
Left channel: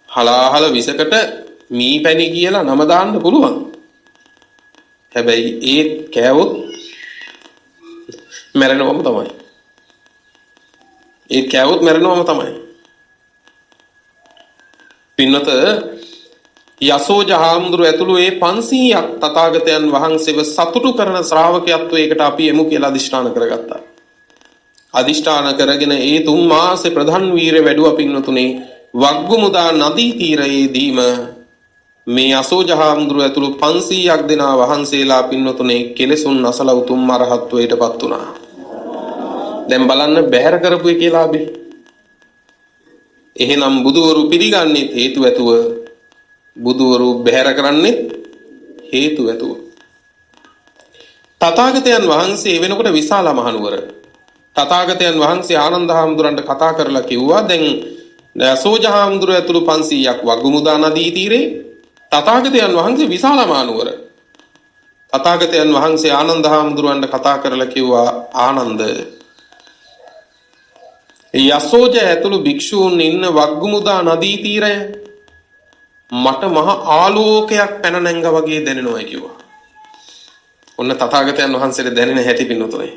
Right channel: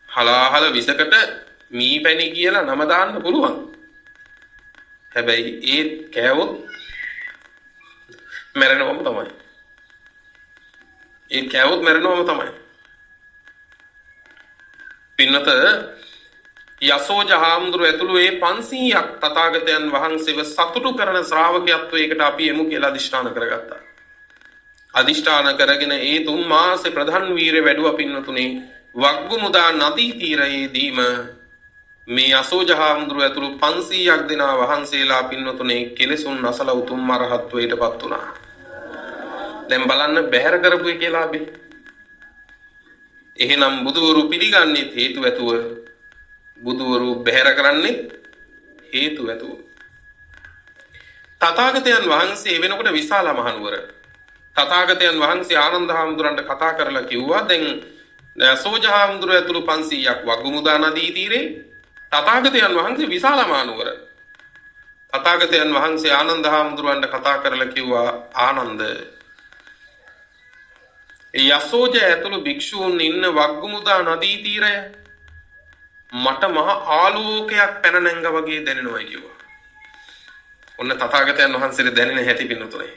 හලාහල විසකට මීපැණි කියලා නම දාන්න පුළුවන්. හැබැයි ඒත් කෑවොත් මැරෙනවම තමයි. ඒත් කෑවොත් මැරෙනවම තමයි. පින්නත යසෝජහාමුදුරුවෝ ඇතුළු ඒ 500ක් තථාගතයන් වහන්සේව සතුටු කරන ශ්‍රාවකයත්වයකට අපි එමු කියලා අදිෂ්ඨාන කරගත්තා. අදිෂ්ඨාන කරගෙන ඒ 3 මාසේ ප්‍රධාන වීර වැඩුවා පින්නතුනේ වග්ගුමුදා නදී තීරයේදීම මේ යසෝජහාමුදුරුවෝ ඇතුළු 500ක් දෙනා වහන්සේලා පින්නතුනේ කෙලෙසුන් නැසල උතුම් අරහත්වයටපත් වුණා. දැන් බලන්න බැහැර කරපු කියලා අපි. එහෙනම් බුදුවරු පිළිගන්නේ හේතු ඇතුව බුදුවරු බැහැර කරන්නේ හේතු ඇතුව. තථාගතයන් වහන්සේ වෙනකොට විශාල මහනුවර තථාගතයන් වහන්සේ ආනන්ද හාමුදුරන්ට කතා කරලා කිව්වා දැන් යසෝජහාමුදුරුවෝ ඇතුළු 500ක් වග්ගුමුදා නදී තීරේ තථාගතයන් වහන්සේ විශාල මහනුවර. තථාගතයන් වහන්සේ ආනන්ද හාමුදුරන්ට කතා කරලා කිව්වා ආනන්ද යසෝජ ඇතුළු භික්ෂූන් ඉන්න වග්ගුමුදා නදී තීරය මට මහ ආලෝකයක් පැන නැංගා වගේ දැනෙනවා කිව්වා. ඔන්න තථාගතයන් වහන්සේට දැනෙන හැටි පින්නතුනේ.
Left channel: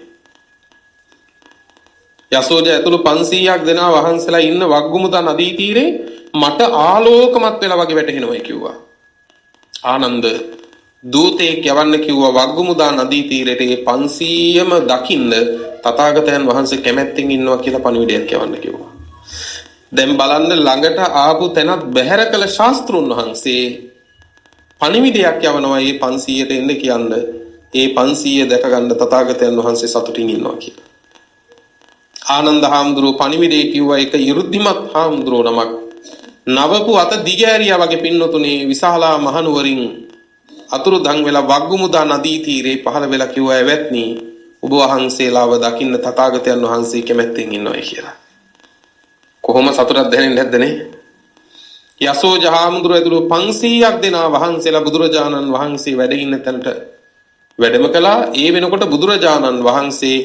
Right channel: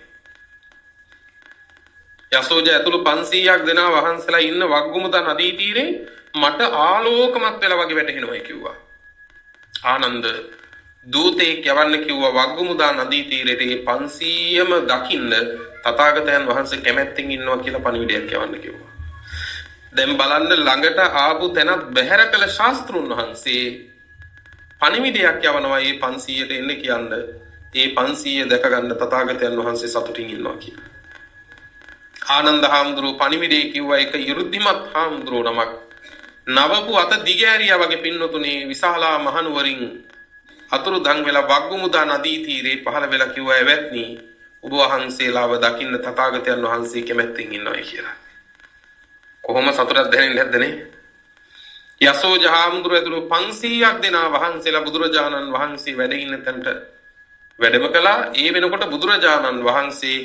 යසෝජ ඇතුළු 500ක් දෙනා වහන්සලා ඉන්න වග්ගුමුදා නදී තීරේ මට ආලෝකමත් වෙලා වගේ වැටහෙනවා කිව්වා. ආනන්ද දූතෙක් යවන්න කිව්වා වග්ගුමුදා නදී තීරයට ඒ 500ම දකින්න තථාගතයන් වහන්සේ කැමැත්තෙන් ඉන්නවා කියලා පණිවිඩයක් යවන්න කිව්වා. දැන් බලන්න ළඟට ආපු තැනත් බැහැර කළ ශාස්ත්‍රුන් වහන්සේ පණිවිඩයක් යවනවා මේ 500ට එන්න කියන්න. ඒ 500 දැක ගන්න තථාගතයන් වහන්සේ සතුටින් ඉන්නවා කියලා. ආනන්ද හාමුදුරුවෝ පණිවිඩේ කිව්වා ඒක 이르ද්දිමත් හාමුදුරුවෝ නමක්. නවපු අත දිගෑරියා වගේ පින්නතුනේ විශාලා මහනුවරින් අතුරුදන් වෙලා වග්ගුමුදා නදී තීරේ පහළ වෙලා කිව්වා එවත්නි ඔබ වහන්සේලාව දකින්න තථාගතයන් වහන්සේ කැමැත්තෙන් ඉන්නවා කියලා. කොහොම සතුටක් දැනෙන්නේ නැද්ද නේ? යසෝජ හාමුදුරුවෝ ඇතුළු 500ක් දෙනා වහන්සේලා බුදුරජාණන් වහන්සේ වැඩ ඉන්න තැනට වැඩම කළා. ඒ වෙනකොට බුදුරජාණන් වහන්සේ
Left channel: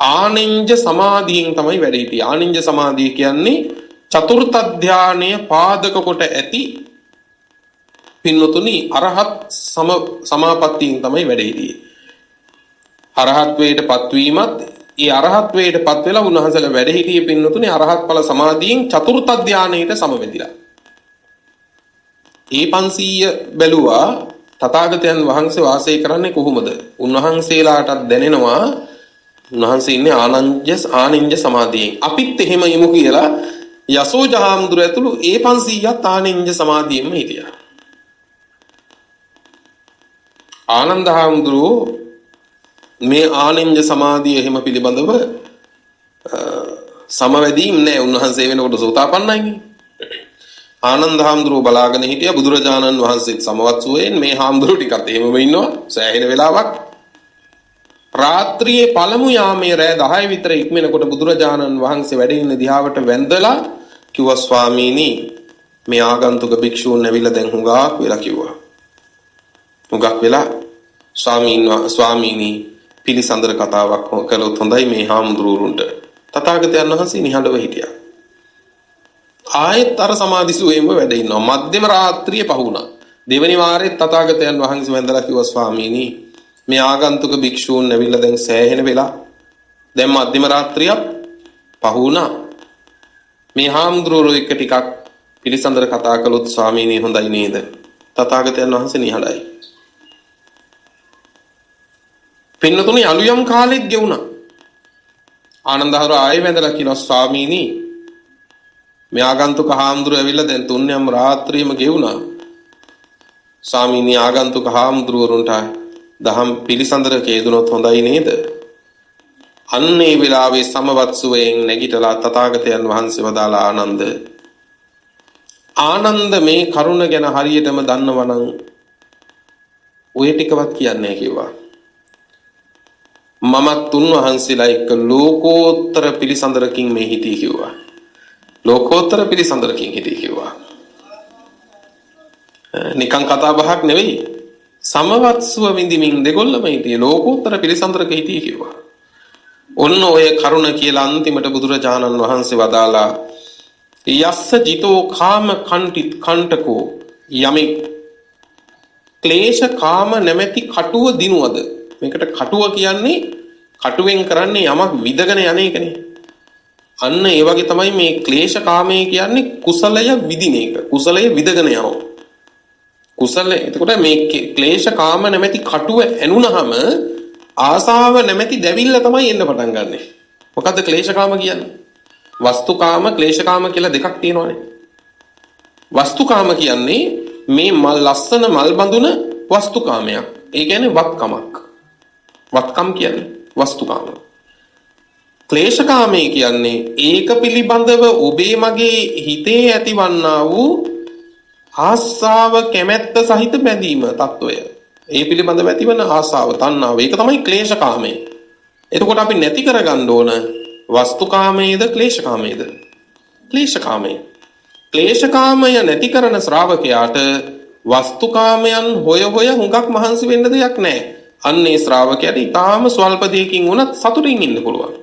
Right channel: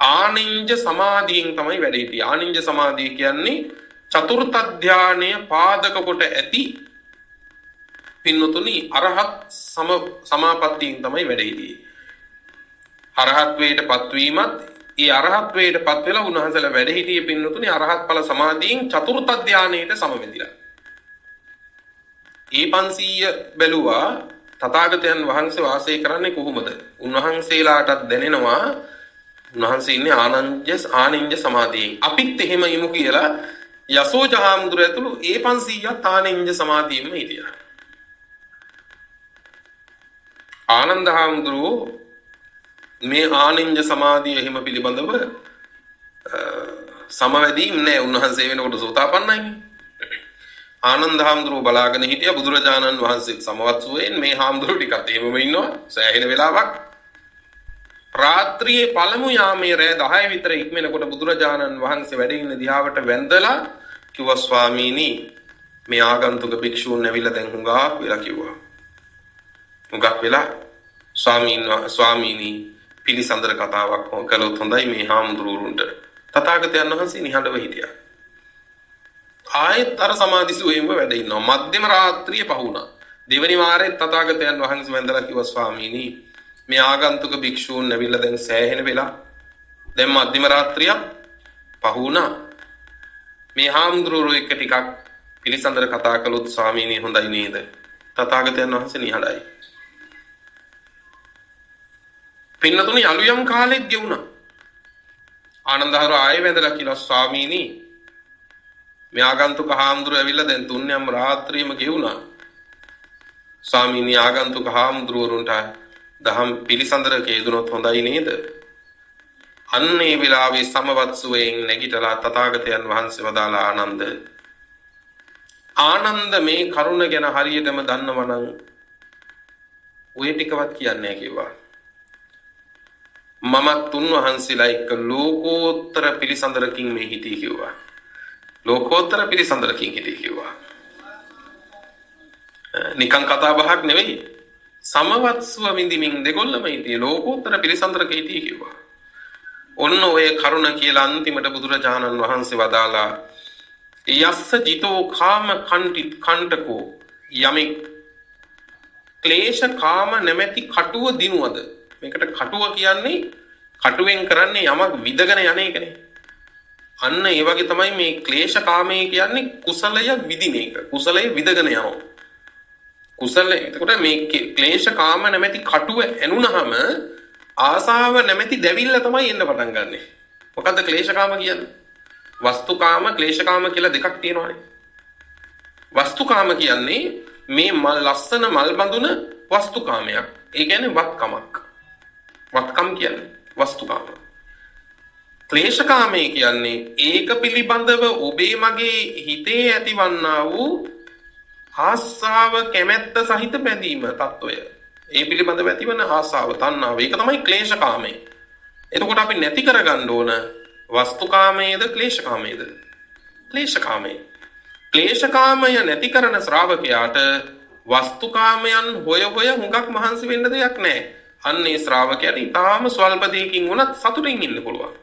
ආනින්ජ සමාධියෙන් තමයි වැඩ හිටියේ. ආනින්ජ සමාධිය කියන්නේ චතුර්ථ ධානය පාදක කොට ඇති පින්නතුනි අරහත් සමාපත්තියෙන් තමයි වැඩ හිටියේ. අරහත් වේට පත්වීමත් ඒ අරහත් වේට පත් වෙලා උන්වහන්සේලා වැඩ හිටියේ පින්නතුනි අරහත් ඵල සමාධියෙන් චතුර්ථ ධානයට සමවැදිලා. ඒ 500 බැලුවා තථාගතයන් වහන්සේ වාසය කරන්නේ කොහොමද? උන්වහන්සේලාටත් දැනෙනවා උන්වහන්සේ ඉන්නේ ආනින්ජ සමාධියෙන්. අපිත් එහෙම ඉමු කියලා යසෝජ හාමුදුරුවෝ ඇතුළු ඒ 500ත් ආනින්ජ සමාධියෙම හිටියා. ආනන්ද හාමුදුරුවෝ මේ ආනින්ජ සමාධිය එහෙම පිළිබඳව සමවැදීම් නෑ. උන්වහන්සේ වෙනකොට සෝතාපන්නයිනේ. ආනන්ද හාමුදුරුවෝ බලාගෙන හිටියා බුදුරජාණන් වහන්සේත් සමවත් සුවයෙන් මේ හාමුදුරුවෝ ටිකත් එහෙමම ඉන්නවා සෑහෙන වෙලාවක්. රාත්‍රියේ පළමු යාමයේ රෑ 10 විතර ඉක්මනකොට බුදුරජාණන් වහන්සේ වැඩ ඉන්න දිහාවට වැඳලා කිව්වා ස්වාමීනි මේ ආගන්තුක භික්ෂූන් ඇවිල්ලා දැන් හුඟක් වෙලා කිව්වා. හුඟක් වෙලා ස්වාමීනි පිළිසඳර කතාවක් කළොත් හොඳයි මේ හාමුදුරුවන්ට. තථාගතයන් වහන්සේ නිහඬව හිටියා. ආයෙත් අර සමාධිසුවේම වැඩ ඉන්නවා. මධ්‍යම රාත්‍රියේ පහුණා. දෙවනි වාරෙත් තථාගතයන් වහන්සේ වැඳලා කිව්වා ස්වාමීනි මේ ආගන්තුක භික්ෂූන් ඇවිල්ලා දැන් සෑහෙන වෙලා දැන් මධ්‍යම රාත්‍රියක් පහුණා. මේ හාමුදුරුවෝ එක්ක ටිකක් පිළිසඳර කතා කළොත් ස්වාමීනි හොඳයි නේද? තථාගතයන් වහන්සේ නිහඬයි. පින්නතුනි අලුයම් කාලෙත් ගෙවුණා. ආනන්දහර ආයෙ වැඳලා කිව්වා ස්වාමීනි මේ ආගන්තුක හාමුදුරුවෝ ඇවිල්ලා දැන් තුන්යම් රාත්‍රියම ගෙවුණා. ස්වාමීනි ආගන්තුක හාමුදුරුවරුන්ට දහම් පිළිසඳර කේදුනොත් හොඳයි නේද? අන්නේ විලාවේ සමවත් සුවයෙන් නැගිටලා තථාගතයන් වහන්සේ වදාලා ආනන්ද මේ කරුණ ගැන හරියටම දන්නවනම් ඔය ටිකවත් කියන්නේ කිව්වා. මමත් උන්වහන්සේලා එක්ක ලෝකෝත්තර පිළිසඳරකින් මේ හිටී කිව්වා. ලෝකෝත්තර පිළිසඳරකින් හිටී කිව්වා. නිකං කතා බහක් නෙවෙයි. සමවත්සුව විඳින්මින් දෙගොල්ලම හිටියේ ලෝකෝත්තර පිළිසඳරක හිටියේ කිව්වා. ඔන්න ඔය කරුණ කියලා අන්තිමට බුදුරජාණන් වහන්සේ වදාලා යස්ස ජිතෝ කාම කණ්ඨකෝ යමෙක් ක්ලේශ කාම නැමැති කටුව දිනුවද. මේකට කටුව කියන්නේ කටුවෙන් කරන්නේ යමක් විදගෙන යන එකනේ. අන්න ඒ වගේ තමයි මේ ක්ලේශ කාමය කියන්නේ කුසලය විදින එක. කුසලය විදගෙන යනවා. කුසලය. එතකොට මේ ක්ලේශ කාම නැමැති කටුව ඇනුනහම ආසාව නැමැති දැවිල්ල තමයි එන්න පටන් ගන්නෙ. මොකද්ද ක්ලේශ කාම කියන්නේ? වස්තුකාම ක්ලේශ කාම කියලා දෙකක් තියෙනවානේ. වස්තුකාම කියන්නේ මේ මල් ලස්සන මල් බඳුන වස්තුකාමයක්. ඒ කියන්නේ වත්කමක්. වත්කම් කියන්නේ වස්තුකාම. ක්ලේශකාමයේ කියන්නේ ඒක පිළිබඳව ඔබේ මගේ හිතේ ඇතිවන්නා වූ ආසාව කැමැත්ත සහිත බැඳීම తত্ত্বය. ඒ පිළිබඳව ඇතිවන ආසාව තණ්හාව. ඒක තමයි ක්ලේශකාමය. එතකොට අපි නැති කරගන්න ඕන වස්තුකාමයේද ක්ලේශකාමයේද? ක්ලේශකාමය. ක්ලේශකාමය නැති කරන ශ්‍රාවකයාට වස්තුකාමයන් හොය හුඟක් මහන්සි වෙන්න දෙයක් නැහැ. අන්නේ ශ්‍රාවකයාට ඊටාම ස්වල්ප දෙයකින් උනත් සතුටින් ඉන්න පුළුවන්.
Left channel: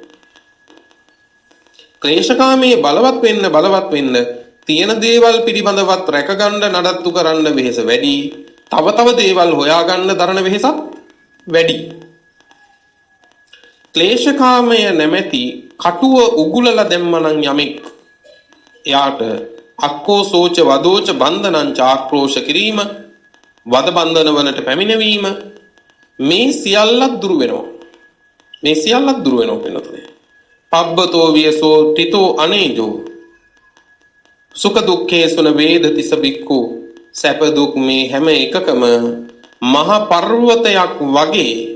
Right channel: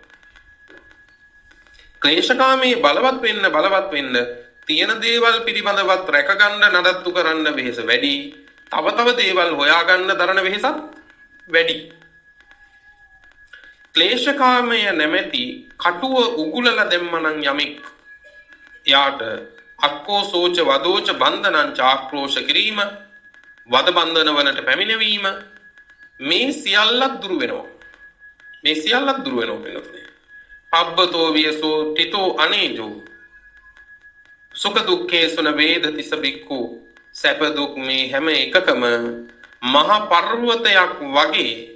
ක්ලේශකාමයේ බලවත් වෙන්න තියෙන දේවල් පිළිබඳවත් රැකගන්න නඩත්තු කරන්න වෙහෙස වැඩි. තව දේවල් හොයාගන්න දරන වෙහෙසත් වැඩි. ක්ලේශකාමය නැමැති කටුව උගුලලා දැම්මනම් යමෙක් එයාට අක්කෝ සෝච වදෝච බන්ධනං චාක්‍රෝෂ කිරීම වද බන්ධන වලට පැමිණවීම මේ සියල්ලක් දුරු වෙනවා. මේ සියල්ලක් දුරු වෙනවා වෙනතුනේ. පබ්බතෝ වියසෝ තිතෝ අනේජෝ සුඛ දුක්ඛේ සුන වේදති සබික්ඛු සැප දුක් මේ හැම එකකම මහ පර්වතයක් වගේ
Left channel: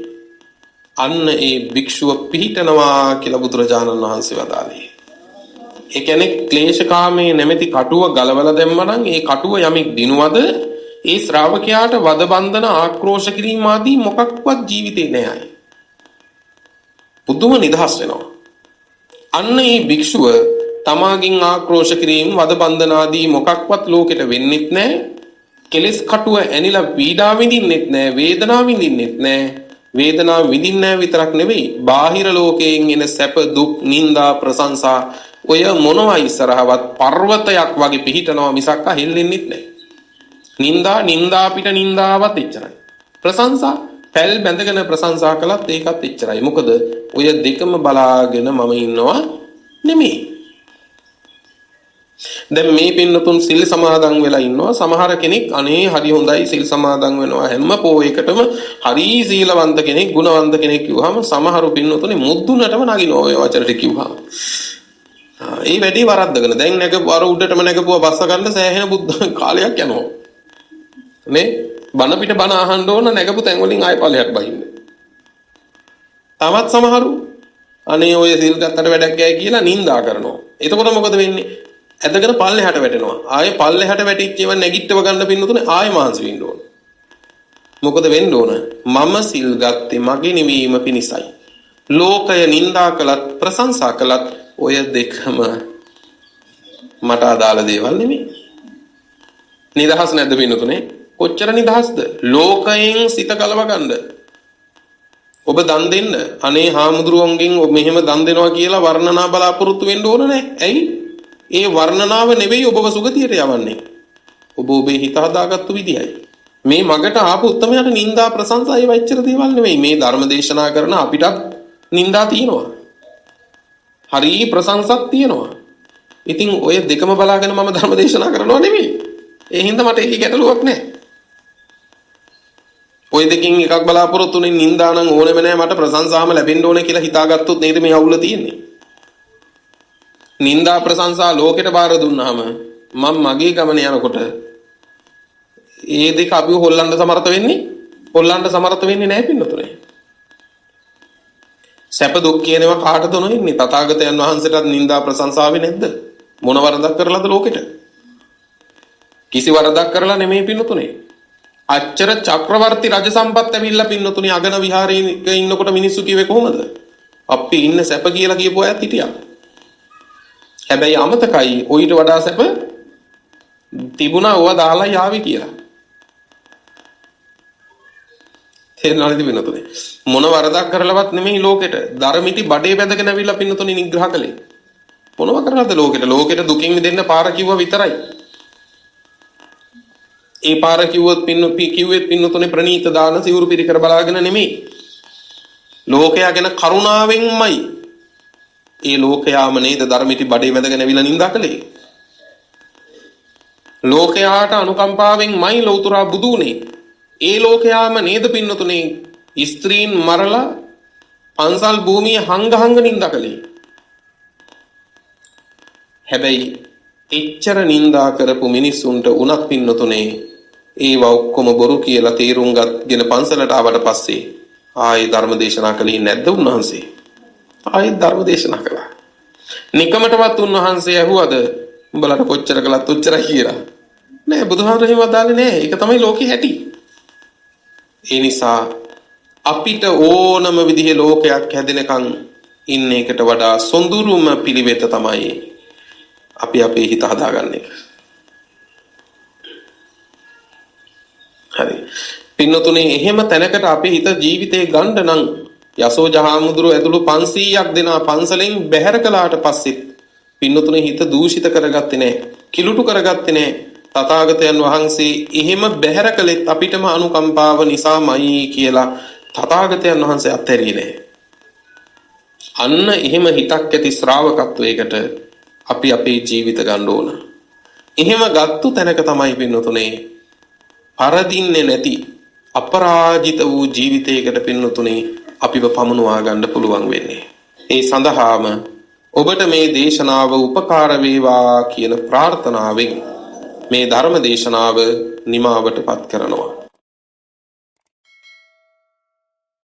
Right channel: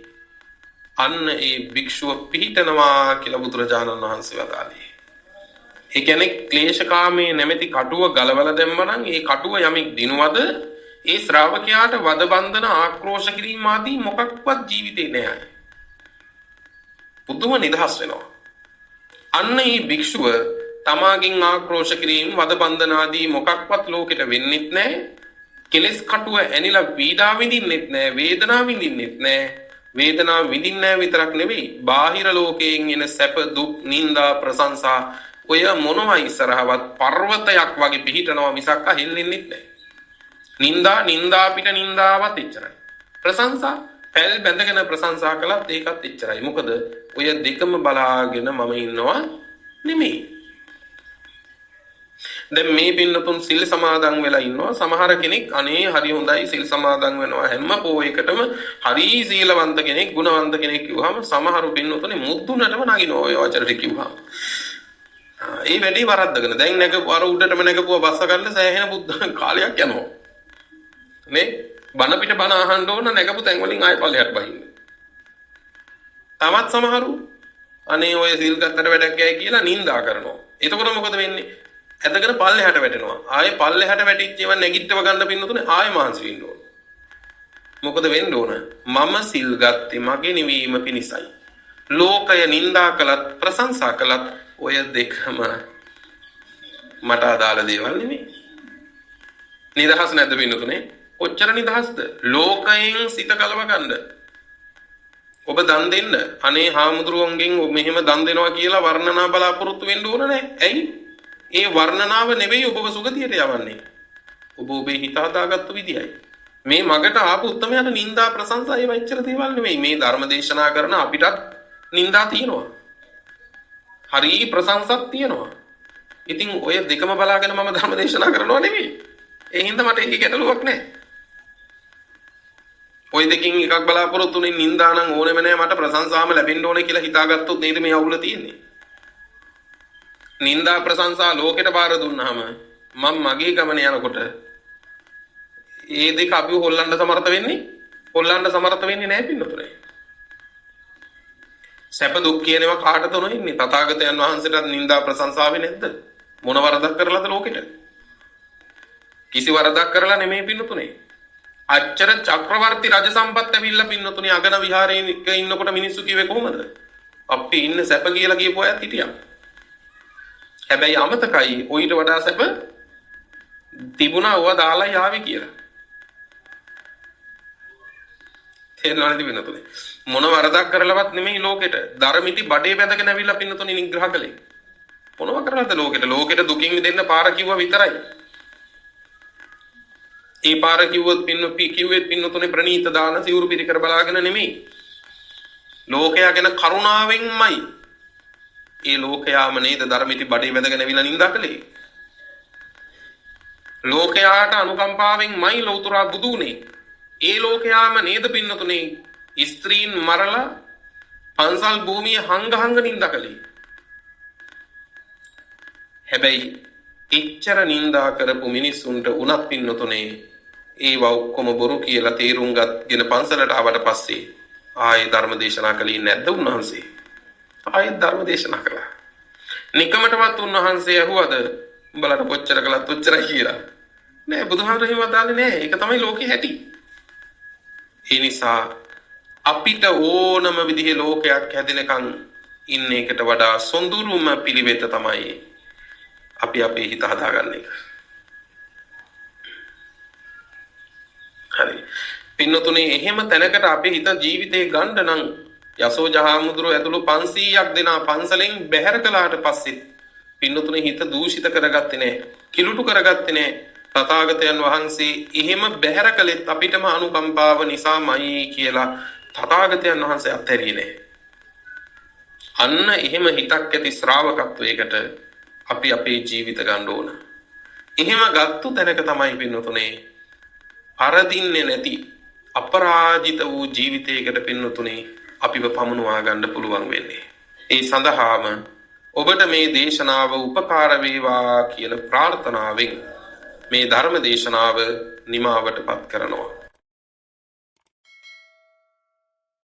අන්න ඒ භික්ෂුව පිහිටනවා කියලා බුදුරජාණන් වහන්සේ වදාළේ. ඒ කියන්නේ ක්ලේශකාමයේ නැමැති කටුව ගලවලා දැම්මනම් ඒ කටුව යමෙක් දිනුවද ඒ ශ්‍රාවකයාට වද බන්ධන ආක්‍රෝෂ කිරීම ආදී මොකක්වත් ජීවිතේ නෑ. පුදුම නිදහස් වෙනවා. අන්න ඒ භික්ෂුව තමාගෙන් ආක්‍රෝෂ කිරීම වද බන්ධන ආදී මොකක්වත් ලෝකෙට වෙන්නෙත් නෑ. කෙලස් කටුව ඇනිලා පීඩා විඳින්නෙත් නෑ, වේදනාව විඳින්නෙත් නෑ. වේදනාව විඳින්නේ නැහැ විතරක් නෙවෙයි බාහිර ලෝකයෙන් එන සැප දුක් නිന്ദා ප්‍රශංසා ඔය මොනවා ඉස්සරහවත් පර්වතයක් වගේ පිහිටනවා මිසක් හෙල්ලෙන්නෙත් නැහැ. නිന്ദා පිට නිന്ദාවත් එච්චරයි. ප්‍රශංසා පැල් බැඳගෙන ප්‍රශංසා කළත් ඒකත් එච්චරයි. මොකද ඔය දෙකම බලාගෙන මම ඉන්නවා නෙමෙයි. දැන් මේ පින්නතුන් සිල් සමාදන් වෙලා ඉන්නවා. සමහර කෙනෙක් අනේ හරි හොඳයි සිල් සමාදන් වෙනවා හැම පොයකටම හරි සීලවන්ත කෙනෙක් ගුණවන්ත කෙනෙක් කිව්වහම සමහරු පින්නතුනේ මුද්දුනටම නගිනවා ඔය වචනට කිව්වහම. ඒ වැඩේ වරද්දගෙන දැන් නැගපු අර උඩටම නැගපුවා බස්ස ගන්න සෑහෙන බුද්ධ කාලයක් යනවා. නේ බණ පිට බණ අහන්න ඕන නැගපු තැන් වලින් ආයෙ ඵලයක් බහින්න. තවත් සමහරු අනේ ඔය සිල් ගත්තට වැඩක් ගෑ කියලා නිඳා කරනවා. එතකොට මොකද වෙන්නේ? ඇදගෙන පල්ලෙහාට වැටෙනවා. ආයේ පල්ලෙහාට වැටිච්ච ඒවා නැගිටව ගන්න පින්නතුනේ ආයෙ මාංශ වෙන්න ඕන. මොකද වෙන්න ඕන? මම සිල් ගත්තේ මගේ නිවීම පිණිසයි. ලෝකය නිඳා කළත් ප්‍රශංසා කළත් ඔය දෙකම මට අදාළ දේවල් නෙමෙයි. නිදහස් නැද්ද පින්නතුනේ? කොච්චර නිදහස්ද? ලෝකයෙන් සිත ගලව ගන්න. ඔබ දන් දෙන්න. අනේ හාමුදුරුවන්ගෙන් ඔබ මෙහෙම දන් දෙනවා කියලා වර්ණනා බලාපොරොත්තු වෙන්න ඕන නැහැ. ඇයි? ඒ වර්ණනාව නෙවෙයි ඔබව සුගතියට යවන්නේ. ඔබ ඔබේ හිත හදාගත්තු විදියයි. මේ මගට ආපු උත්තමයාට නිന്ദා ප්‍රශංසා ඒ වච්චර දේවල් නෙවෙයි. මේ ධර්ම දේශනා කරන අපිටත් නිന്ദා තියෙනවා. හරි ප්‍රශංසක් තියෙනවා. ඉතින් ඔය දෙකම බලාගෙන මම ධර්ම දේශනා කරනවා නෙවෙයි. ඒ හින්දා මට ඒකේ ගැටලුවක් නැහැ. ඔය දෙකකින් එකක් බලාපොරොත්තුනේ නිന്ദා නම් ඕනෙම නැහැ මට ප්‍රශංසාම ලැබෙන්න ඕනේ කියලා හිතාගත්තොත් නේද මේ අවුල තියෙන්නේ. නිന്ദා ප්‍රශංසා ලෝකෙට බාර දුන්නාම මම මගේ ගමන යනකොට ඒ දෙක අපිව හොල්ලන්න සමර්ථ වෙන්නේ නැහැ පින්නතුනේ. සැප දුක් කියනවා කාටද නොඉන්නේ? තථාගතයන් වහන්සේටත් නිന്ദා ප්‍රශංසාවේ නැද්ද? මොන වරදක් කරලාද ලෝකෙට? කිසි වරදක් කරලා නෙමෙයි පින්නතුනේ. අච්චර චක්‍රවර්ති රජ සම්පත් ඇවිල්ලා පින්නතුනේ අගන විහාරයේ ඉන්නකොට මිනිස්සු කිව්වේ කොහොමද? අපි ඉන්න සැප කියලා කියපු අයත් හිටියා. හැබැයි අමතකයි ඔయిత වඩා සැප තිබුණා ඕවා දාලා යාවි කියලා. තේරෙනවද පින්නතුනේ? මොන වරදක් කරලවත් නෙමෙයි ලෝකෙට. ධර්මිති බඩේ බැඳගෙන ඇවිල්ලා පින්නතුනේ නිග්‍රහ කළේ. මොනව කරලාද ලෝකෙට? ලෝකෙට දුකින් මිදෙන්න පාර කිව්වා විතරයි. ඒ පාර කිව්වොත් කිව්වෙත් පින්නතුනේ ප්‍රණීත දාන සිවුරු පිරිකර බලාගෙන නෙමෙයි. ලෝකයා ගැන කරුණාවෙන්මයි. ඒ ලෝකයාම නේද ධර්මිති බඩේ වැදගෙන ඇවිල්ලා නිඳා කළේ. ලෝකයාට අනුකම්පාවෙන්මයි ලෞතර බුදු උනේ. ඒ ලෝකයාම නේද පින්නතුනේ ස්ත්‍රීන් මරලා පන්සල් භූමිය හංග නිඳා කළේ. හැබැයි එච්චර නිඳා කරපු මිනිස්සුන්ට උනත් පින්නතුනේ ඒවා ඔක්කොම බොරු කියලා තේරුම් ගත්ගෙන පන්සලට ආවට පස්සේ ආයේ ධර්ම දේශනා කළේ නැද්ද උන්වහන්සේ? ආයෙත් ධර්ම දේශනා කළා. නිකමටවත් උන්වහන්සේ ඇහුවද උඹලට කොච්චර කළත් උච්චරයි කියලා? නෑ බුදුහාමුදුරුවෝ එහෙම වදාළේ නෑ. ඒක තමයි ලෝකේ හැටි. ඒ නිසා අපිට ඕනම විදිහේ ලෝකයක් හැදෙනකන් ඉන්න එකට වඩා සොඳුරුම පිළිවෙත තමයි අපි අපේ හිත හදාගන්න එක. හරි. පින්නතුනේ එහෙම තැනකට අපේ හිත ජීවිතේ ගන්න නම් යසෝජහාමුදුරුව ඇතුළු 500ක් දෙනා පන්සලෙන් බැහැර කළාට පස්සෙත් පින්නතුනේ හිත දූෂිත කරගත්තේ නැහැ. කිලුටු කරගත්තේ නැහැ. තථාගතයන් වහන්සේ එහෙම බැහැර කළෙත් අපිටම අනුකම්පාව නිසාමයි කියලා තථාගතයන් වහන්සේ අත්හැරියේ නැහැ. අන්න එහෙම හිතක් ඇති ශ්‍රාවකත්වයකට අපි අපේ ජීවිත ගන්න ඕන. එහෙම ගත්තු තැනක තමයි පින්නතුනේ පරදින්නේ නැති අපරාජිත වූ ජීවිතයකට පින්නතුනේ අපිව පමුණවා ගන්න පුළුවන් වෙන්නේ. ඒ සඳහාම ඔබට මේ දේශනාව උපකාර වේවා කියන ප්‍රාර්ථනාවෙන් මේ ධර්ම දේශනාව නිමාවට පත් කරනවා.